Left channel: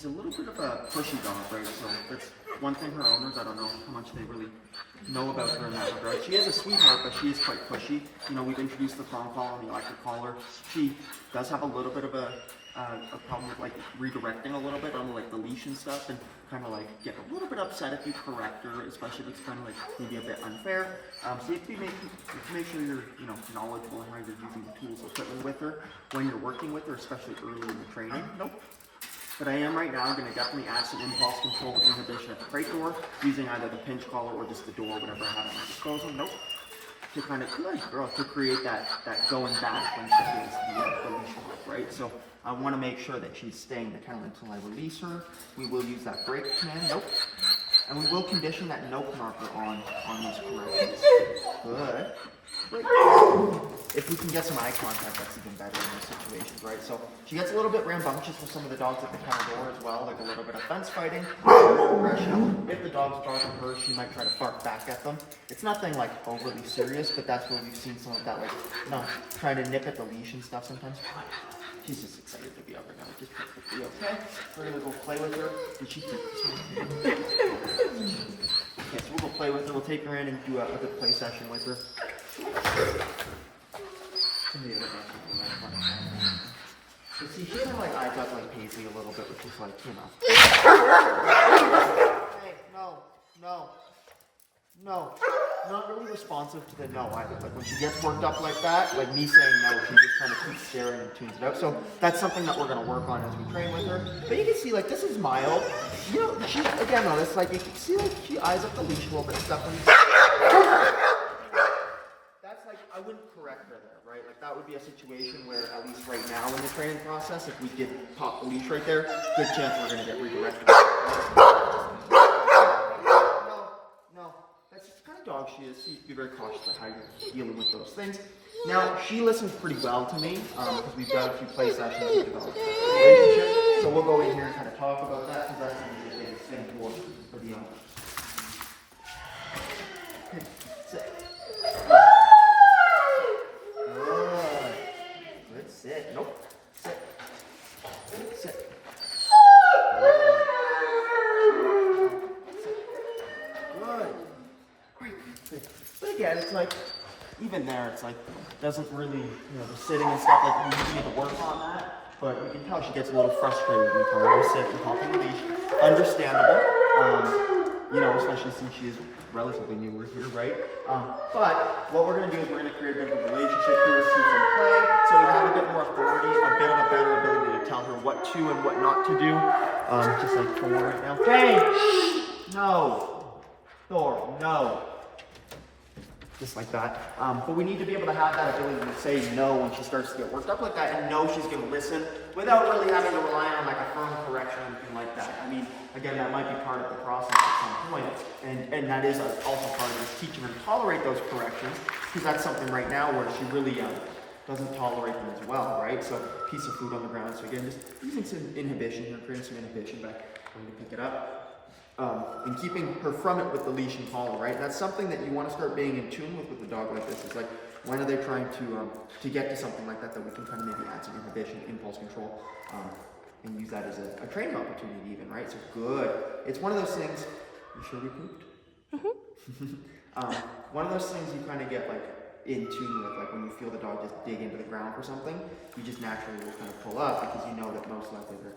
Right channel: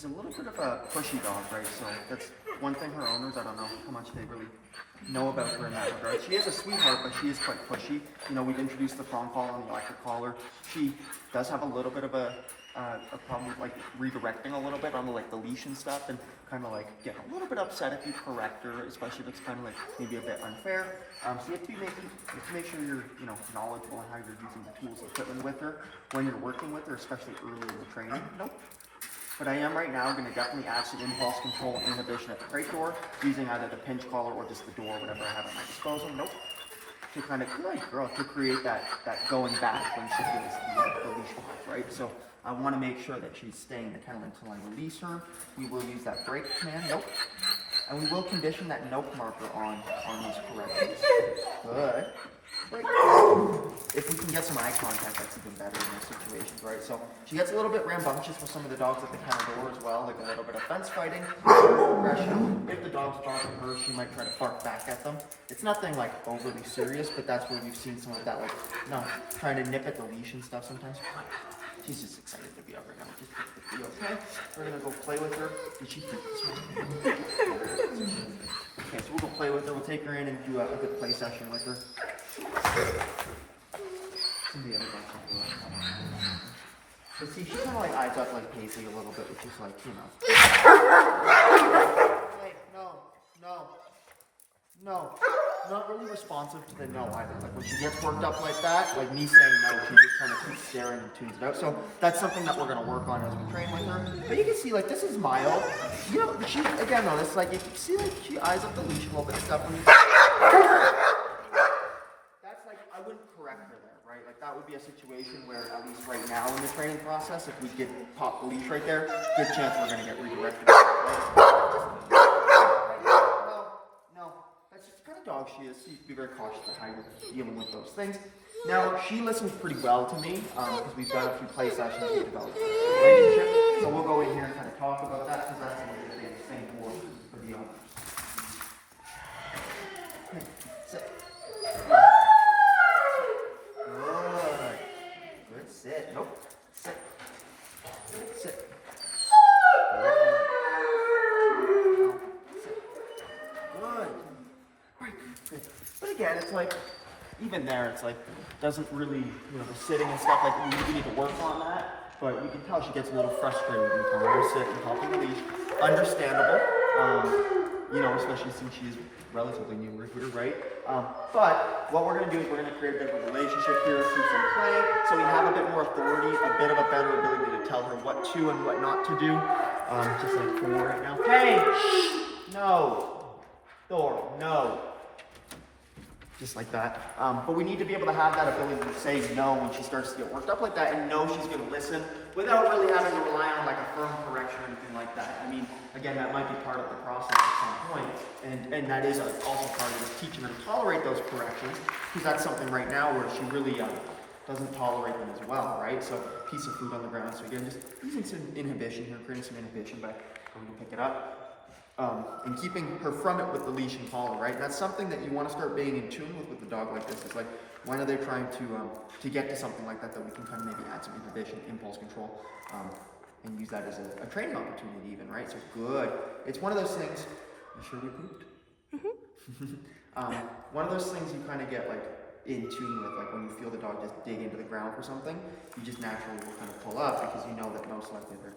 she's a little bit of a pushy dog, right? So that's one thing her owners, I don't know how much they really know about her in that regard. She is a sweetheart, but she is quite pushy. You know, we've introduced the prong collar and the electric collar. She does have a little bit of a problem with like redirecting a little bit on like the leash and stuff, and kind of like get a little bit upset if you correct her, especially if it's kind of like maybe a bit unfair. So you have to make sure you're knowledgeable on how you're using the tools and equipment with her when you're working with her, especially early in the training. Nope. But I am right now going to definitely add some impulse control and inhibition at the crate door, using either the pinch collar or just the door, whatever I have at my disposal. Nope. To kind of, good girl, to create that going back when she feels the leash off, right? So I want to make sure that she's staying in the kennel until I release her. We will use that break command, nope. And we will condition that nope marker on those corrections. Good. Great. If we can get some eye contact, that's even better in those situations, right? So she gets a little bit rambunctious with some of the dogs at the kennel door as well, like a little bit of fence fighting, aggression. If the dogs bark at her, she might try to bark back at them. It's nothing like overly serious, but that's where we've seen some of that, like, trying to nip at the leash and stuff sometimes. She's just excited to be out right now, which is perfectly okay. We're gonna go play with her. Did she take this one? Okay, so we'll go play with her. We'll take her in and do a good play session with her. So see, she kind of like eyes up like Paisley a little bit, which is like, Hey, no. Not really responsive to the no either. Like when she gets worked up like that, like me saying no, she just kind of keeps staring and tunes it out. So that's something that we're going to work on as we train with her. But you can see like this is mild. You know, she, again though, it's like you can see like she eyes up the leash a little bit and stuff when you that's like, I wouldn't correct her there, right? Like that would be a situation where at least right now in the training process, if we did pop the leash right there, good chance we're going to get redirected. Dog she is, so you have to be very cautious of how you're dealing with those things. Now, she listens pretty well to me because we've done a few play sessions and developed a relationship. So we'll go in here and kind of talk about that because that's going to be the same for the owner. Okay, sit. Good. Good, sit. Nope. Sit. Sit. Good. Good. Good. But again, it's like, even there, it's like, doesn't really, the sitting and stuff, like, we need to work on that. But you can tell she gets a little frustrated when you sit and help her leash. Understandable, especially since she is relatively newer here, right? But what we're going to do is we're going to create a bit of a relationship here through some play, so we have a bit more authority, a bit of a better ability to tell her what to and what not to do. Just like Thor right now. Jane! No. Thor, no. Just like that. But we need to be able to have that ability to say no when she starts to get worked up like that, and know she's going to listen without really having to rely on like a firm correction or anything like that. I mean, again, that might be part of the process at some point, and that is also part of this teaching her to tolerate those corrections, because that's something right now where she really doesn't tolerate them as well, right? So, piece of food on the ground. So again, just using some inhibition here, creating some inhibition by going to pick it up. And keeping her from it with the leash and collar, right? That's something that you want to start being in tune with a dog like this. It's like, when are they trying to get to something like that we can kind of maybe add some inhibition, impulse control, and use that as a training opportunity even, right? So good. It's one of those things, you sure we pooped? Mm-hmm. One of those things you kind of get like in tune with, like when you feel the dog just dig into the ground for something, you just naturally will kind of pull up because you know that most likely they're,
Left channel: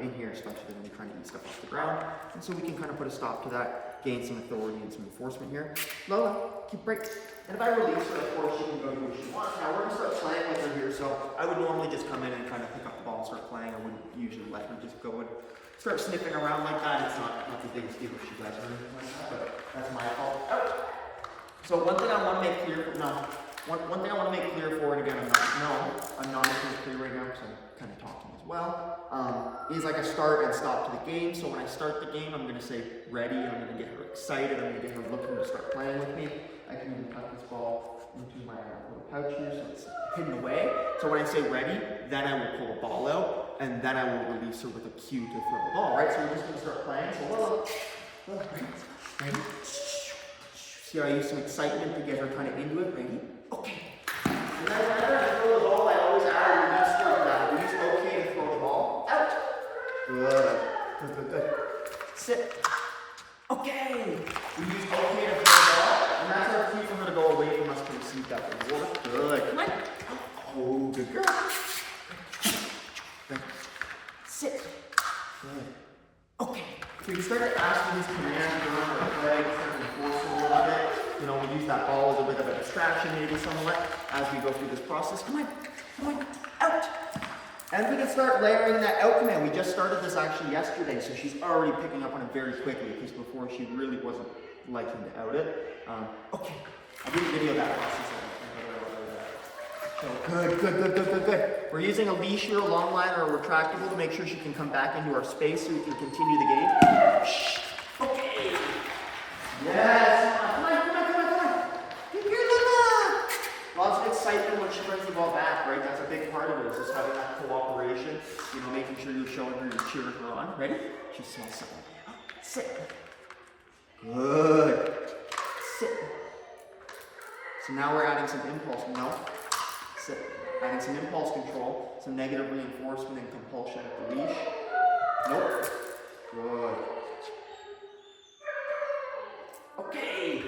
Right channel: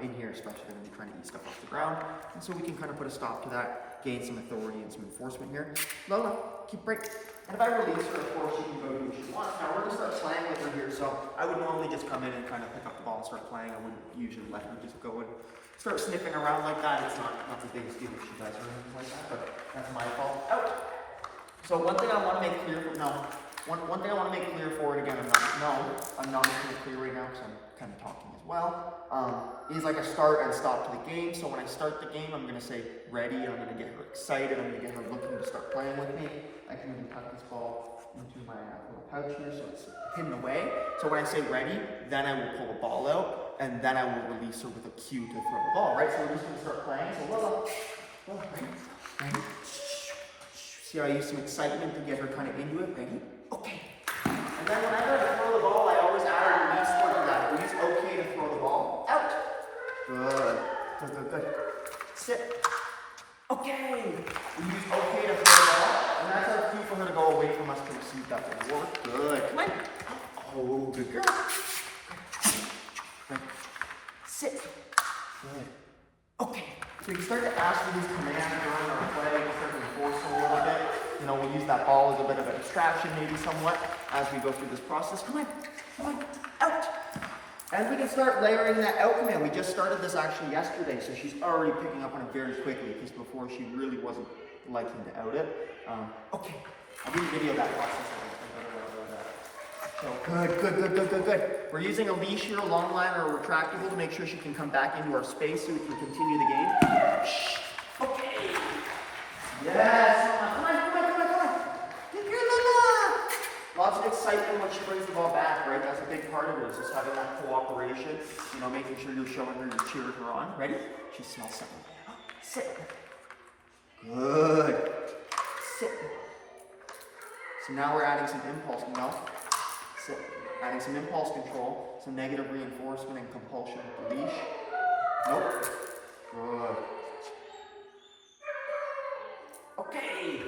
in here, especially when you're trying to eat stuff off the ground. And so we can kind of put a stop to that, gain some authority and some enforcement here. Lola, keep break. And if I release her, of course, she can go do what she wants. Now we're going to start playing with her here, so I would normally just come in and kind of pick up the ball and start playing. I wouldn't usually let her just go and start sniffing around like that. It's not the biggest deal if she does or anything like that, but that's my fault. Out! So one thing I want to make clear for, one thing I want to make clear for it, again, I'm not making it clear right now because I'm kind of talking as well, is like a start and stop to the game. So when I start the game, I'm going to say ready, I'm going to get her excited, I'm going to get her looking to start playing with me. I can even tuck this ball into my little pouch here so it's hidden away. So when I say ready, then I will pull the ball out, and then I will release her with a cue to throw the ball, right? So we're just going to start playing. So Lola, ready? See how I use some excitement to get her kind of into it? Ready? Okay. And then whenever I throw the ball, I always add a release word to that. Release okay to throw the ball out. Good. Good, good, good. Sit. Okay. We use okay to throw the ball, and that's our cue for her to go away from us to receive that reward. Good. Come on. Oh, good girl. Good. Sit. Good. Okay. So you start to ask for these commands during our play, start to enforce them a little bit. You know, we'll use that ball as a bit of a distraction maybe somewhat as we go through this process. Come on. Come on. Out. And we can start layering that out command. We just started this actually yesterday, so she's already picking up on it very quickly because before she really wasn't liking to out it. Okay, I didn't video that process. So good, good, good, good, good, good. We're using a leash here, a long line, or a retractable to make sure she can come back into our space so we can continue the game. Okay. Yes. Come on, come on, come on, come on. Good girl, Lola. Lots of excitement when she brings the ball back, right? That's a big part of it, is just having that cooperation, you know, making sure you're showing her, you're cheering her on. Ready? She smells something. Sit. Good. Sit. So now we're adding some impulse. No. Sit. Adding some impulse control, some negative reinforcement and compulsion with the leash. Nope. Good. Okay.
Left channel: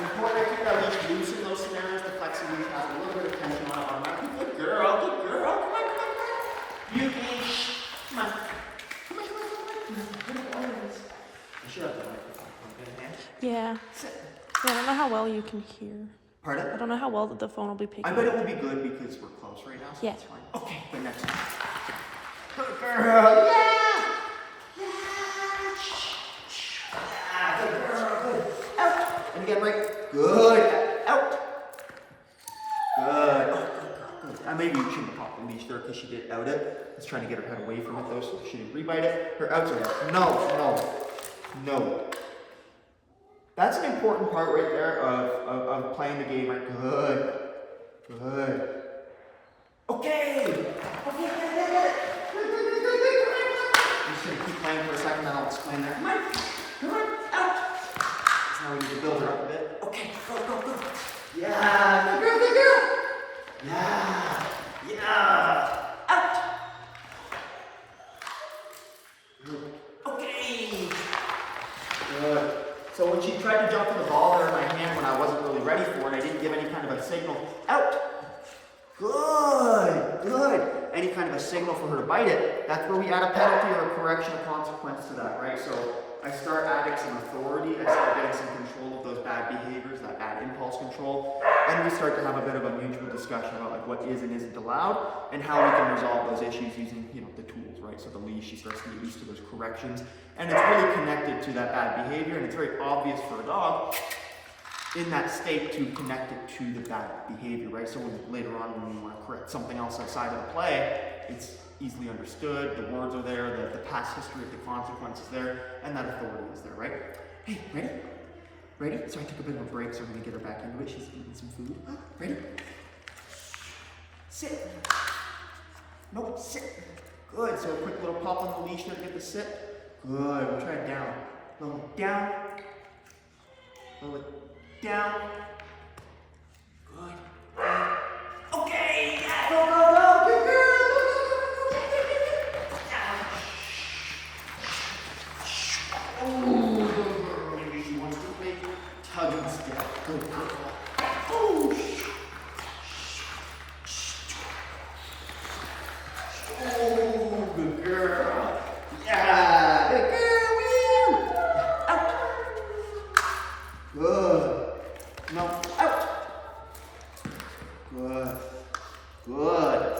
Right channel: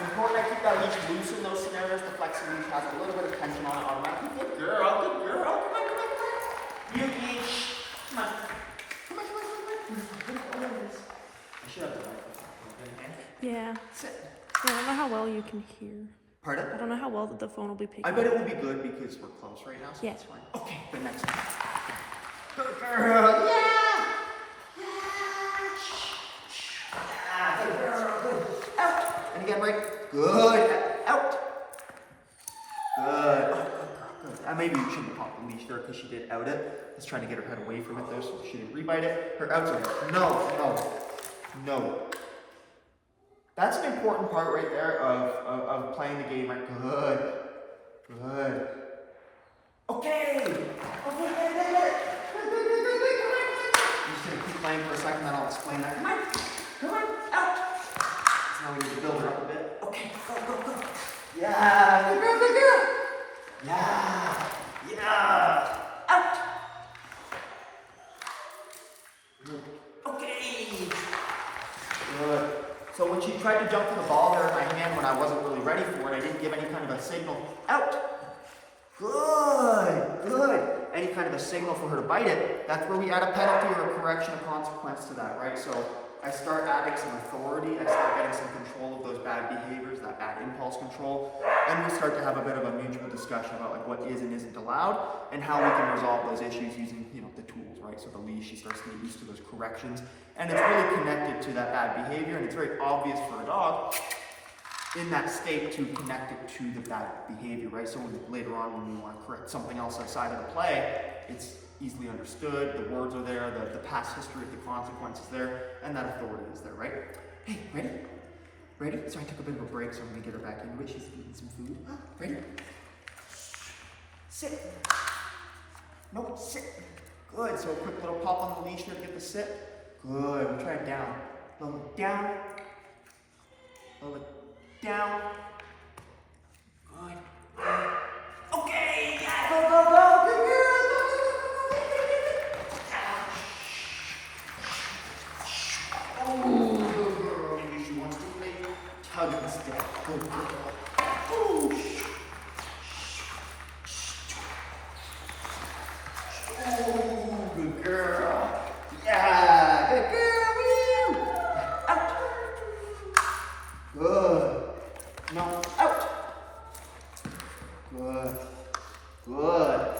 Important I keep that leash loose in those scenarios. The flexi leash has a little bit of tension on it automatically. Good girl, good girl. Come on, come on, come on. You leash. Come on. Come on, come on, come on. I should have the microphone in hand. Yeah. Sit. Yeah, I don't know how well you can hear. Pardon? I don't know how well that the phone will be picking I bet up. it will be good because we're close right now, so yeah. that's fine. Okay, but next one. Good girl. Yeah. Yeah. Good girl. Good. Out. And again, right. Good. Out. Good. Oh, good girl. Good. Maybe you shouldn't have popped the leash there because she did out it. Let's try to get her head away from it though, so she didn't rebite it. Her outs are no. That's an important part right there of playing the game. Right? Good. Good. Okay. Okay, get it. Good. I'm just gonna keep playing for a second, then I'll explain that. Come on, out. So now we need to build her up a bit. Okay, go. Yeah, good girl. Yeah. Out. Good. Okay. Good. So when she tried to jump to the ball there in my hand when I wasn't really ready for it, I didn't give any kind of a signal. Out. Good. Any kind of a signal for her to bite it. That's where we add a penalty or a correction, a consequence to that, right? So I start adding some authority. I start getting some control of those bad behaviors, that bad impulse control. And we start to have a bit of a mutual discussion about like what is and isn't allowed and how we can resolve those issues using, you know, the tools, right? So the leash, she starts to get used to those corrections. And it's really connected to that bad behavior, and it's very obvious for a dog in that state to connect it to the bad behavior, right? So when, later on when we want to correct something else outside of the play, it's easily understood, the words are there, the past history of the consequences there, and that authority is there, right? Hey, ready? Ready? So I took a bit of a break, so I'm gonna get her back into it. She's eating some food. Ready? Sit. Nope, sit. Good, so a quick little pop on the leash there to get the sit. Good, we'll try it down. Lola, down. Lola, down. Good. Okay, yeah, go. Good girl. Oh, good girl. Maybe she wants to play tug instead. Good girl. Oh, good girl. Yeah, good girl. Woo. Out. Good. No, out. Good.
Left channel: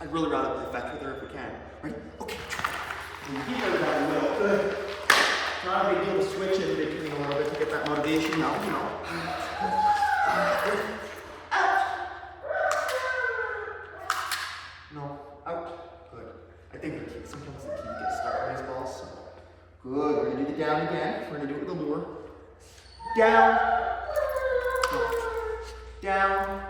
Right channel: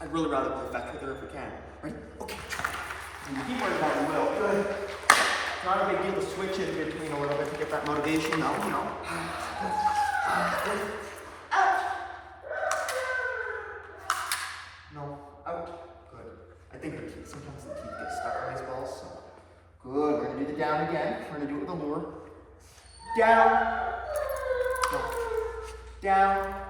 I'd really rather play back with her if we can. Ready? Okay. Good. Not a big deal to switch in between a little bit to get that motivation. No, you know. Good. Out. No, out. Good. I think the kids, sometimes the kids get stuck on these balls. So. Good. We're going to do the down again. We're going to do it with a lure. Down. No. Down.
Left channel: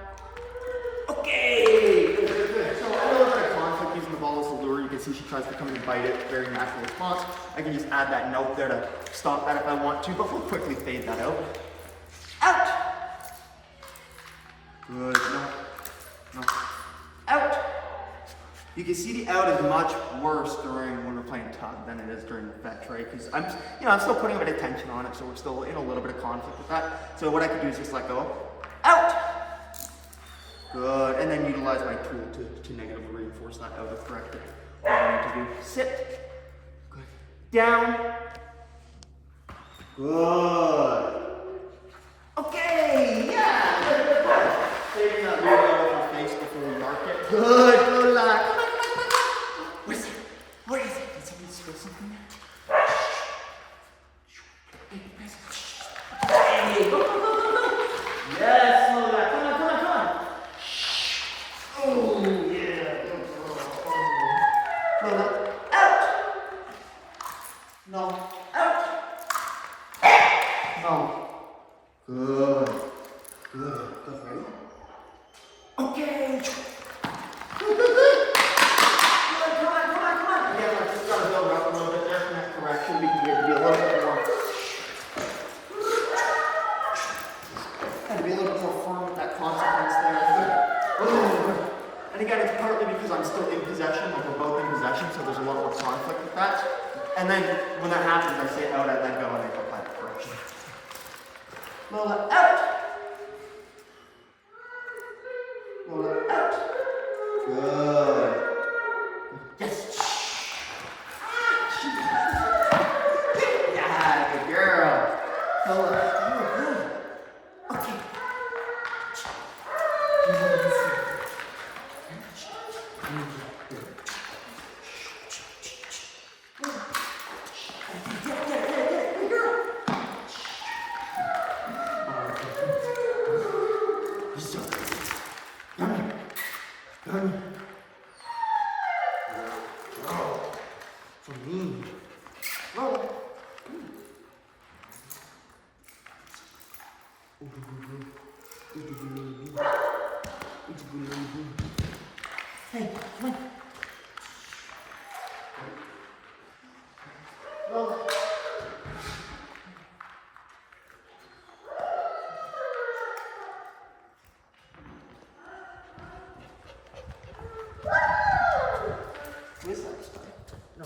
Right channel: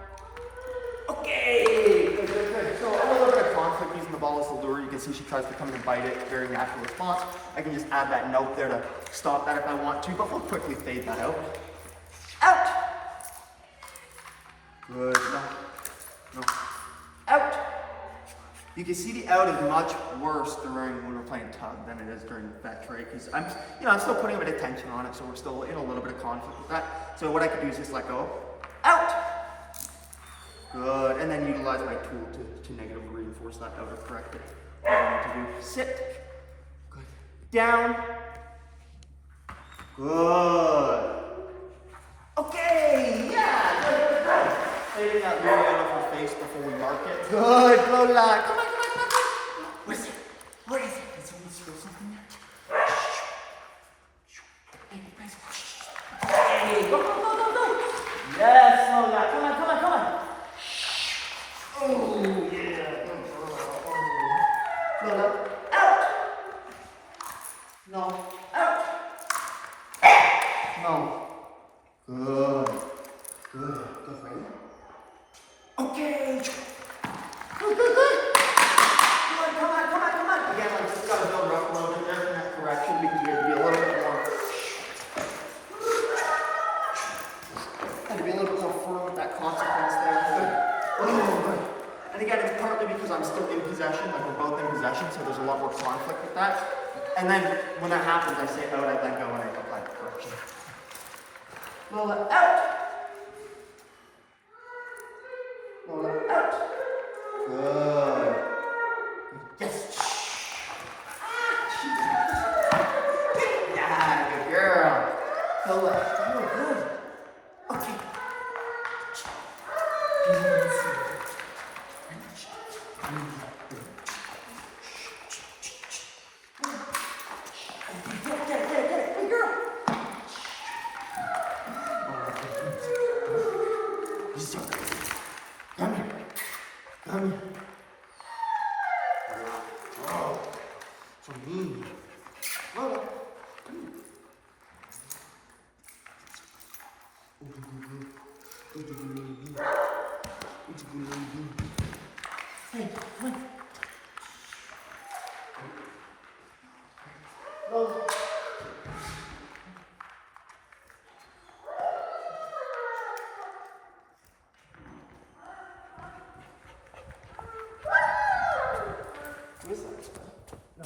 Okay. Good. So a little bit of conflict using the ball as a lure. You can see she tries to come in and bite it. Very natural response. I can just add that note there to stop that if I want to, but we'll quickly fade that out. Out. Good. No. Out. You can see the out is much worse during when we're playing tug than it is during the fetch, right? Because I'm still putting a bit of tension on it, so we're still in a little bit of conflict with that. So what I could do is just let go. Out! Good, and then utilize my tool to negatively reinforce that out or correct it. What I need to do, sit. Good. Down. Good. Okay, yeah, good. Cleaning that movement out of her face before we mark it. Good, Lola. Come on. What is it? What is it? Did somebody spill something there? Hey, go. Yes, Lola. Come on. Oh, yeah. Good girl. Lola, out. No, out. No. Good. Ready? Okay. Good. Come on. Again, I just gotta build her up a little bit there from that correction. We can get to be a little bit more. Had to be a little bit more firm with that consequence there. Good. Oh, good. And again, it's partly because I'm still in possession, like we're both in possession, so there's a lot more conflict with that. And then when that happens, I say out, I let go, and I apply the correction. Lola, out. Lola, out. Good. Yes. Yeah, good girl. Lola, good. Okay. Come here. Oh, for me. Lola. Hey, come on. Lola. Yes, no.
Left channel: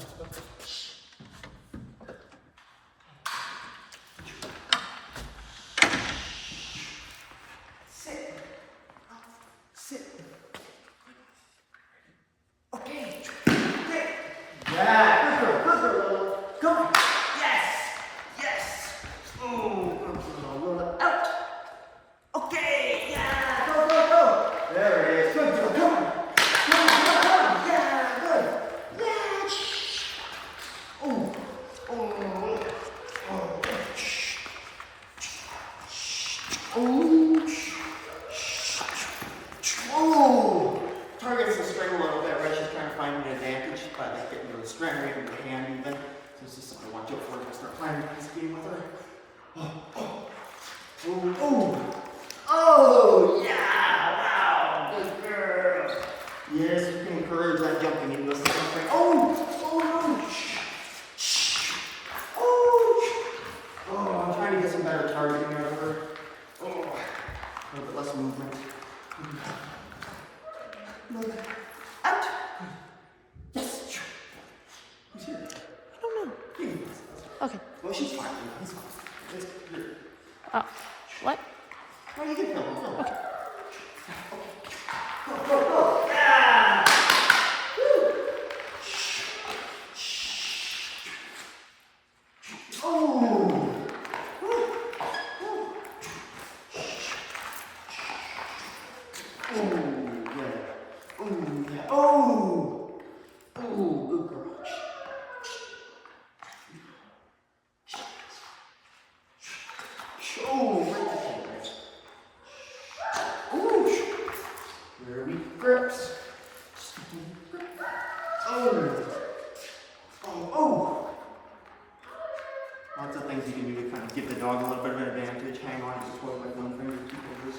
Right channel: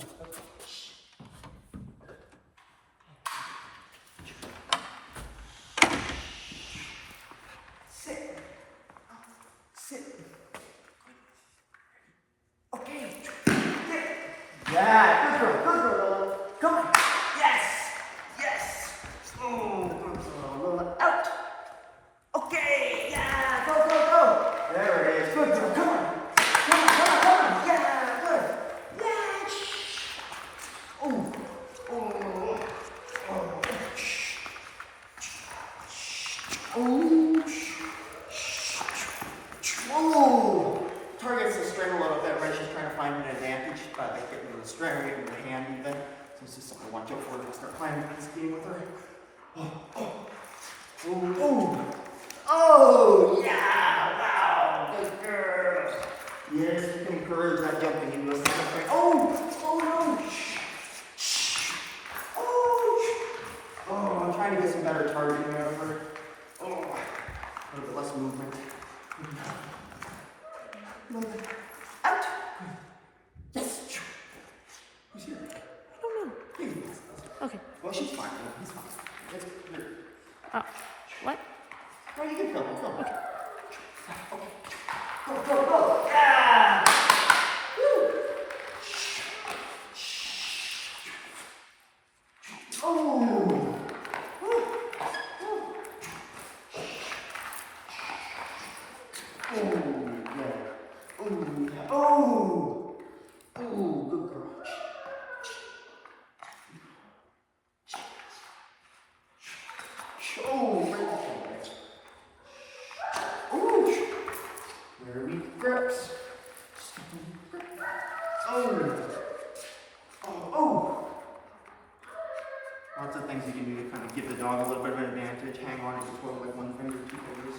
Sit. Okay. Yeah, good girl, Lola. Come on. Yes. Oh, good girl, Lola. Out. Okay, yeah, go. There it is. Good girl, come on. Yeah, good. Yeah. Oh. Targets the string a little bit, right? She's trying to find an advantage by like getting to the string, or getting the hand even. So this is something I want you for to start playing this game with her. Oh, yeah, wow, good girl. Yes, you can encourage that jumping into a system frame. No. I'm trying to get some better targeting out of her. A little bit less movement. Out. Yes. Who's here? I don't know. Okay. Well, she's fine. He's fine. It's good. What? Well, you can film him. Okay. Go. Yeah. Woo. Oh. Yeah. Oh, good girl. Right to the Very weak grips. Lots of things you can do to kind of give the dog a little bit of an advantage. Hang on to the toy like one finger, two fingers.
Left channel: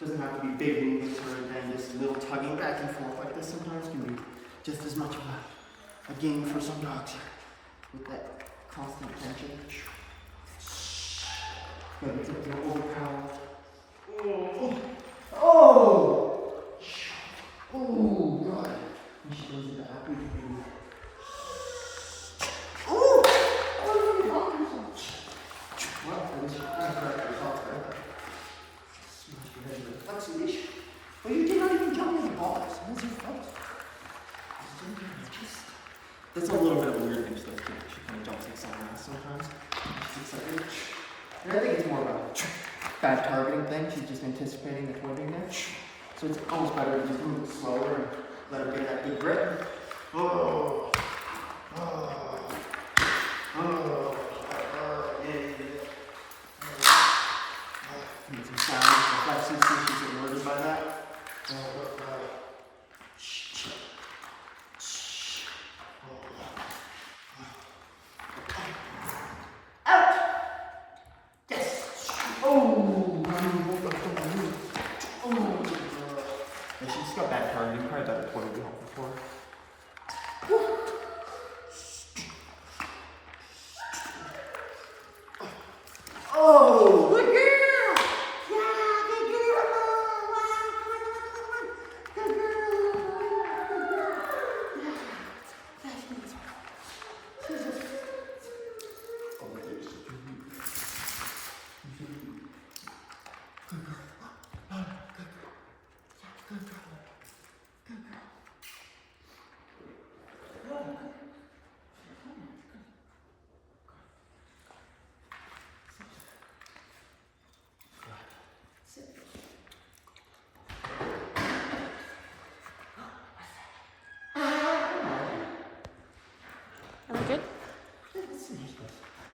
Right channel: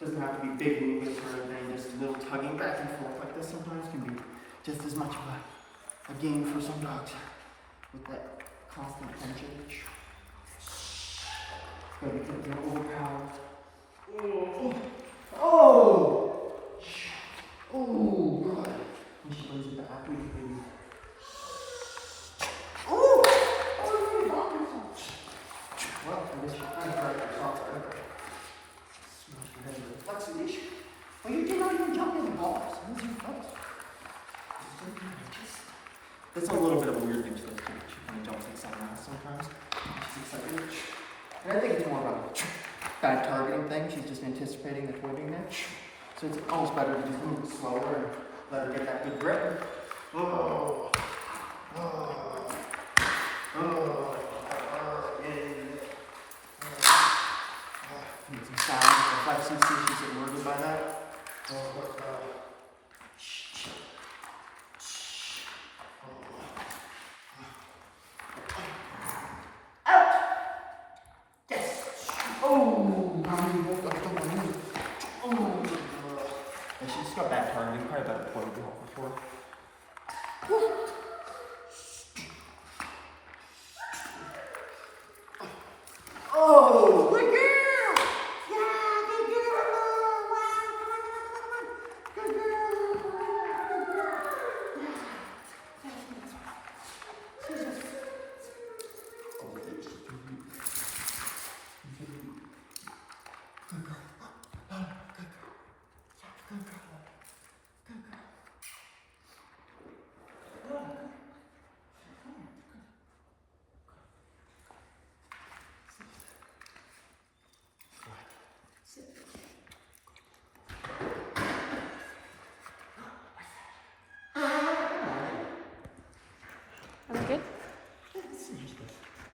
Doesn't have to be big movements or anything, just a little tugging back and forth like this sometimes can be just as much of a game for some dogs with that constant tension. Gotta be taking overpower. last sometimes. It's like, and I think it's more of a bad targeting thing. She's just anticipating the toy being there. So it's almost better to just move it slower and let her get that good grip. Oh, oh, oh, yeah. Make some sounds, reflexes, see if she's alerted by that. Out! Yes! Oh! Oh! And she just got bad targeting, probably a better toy would be helpful for her.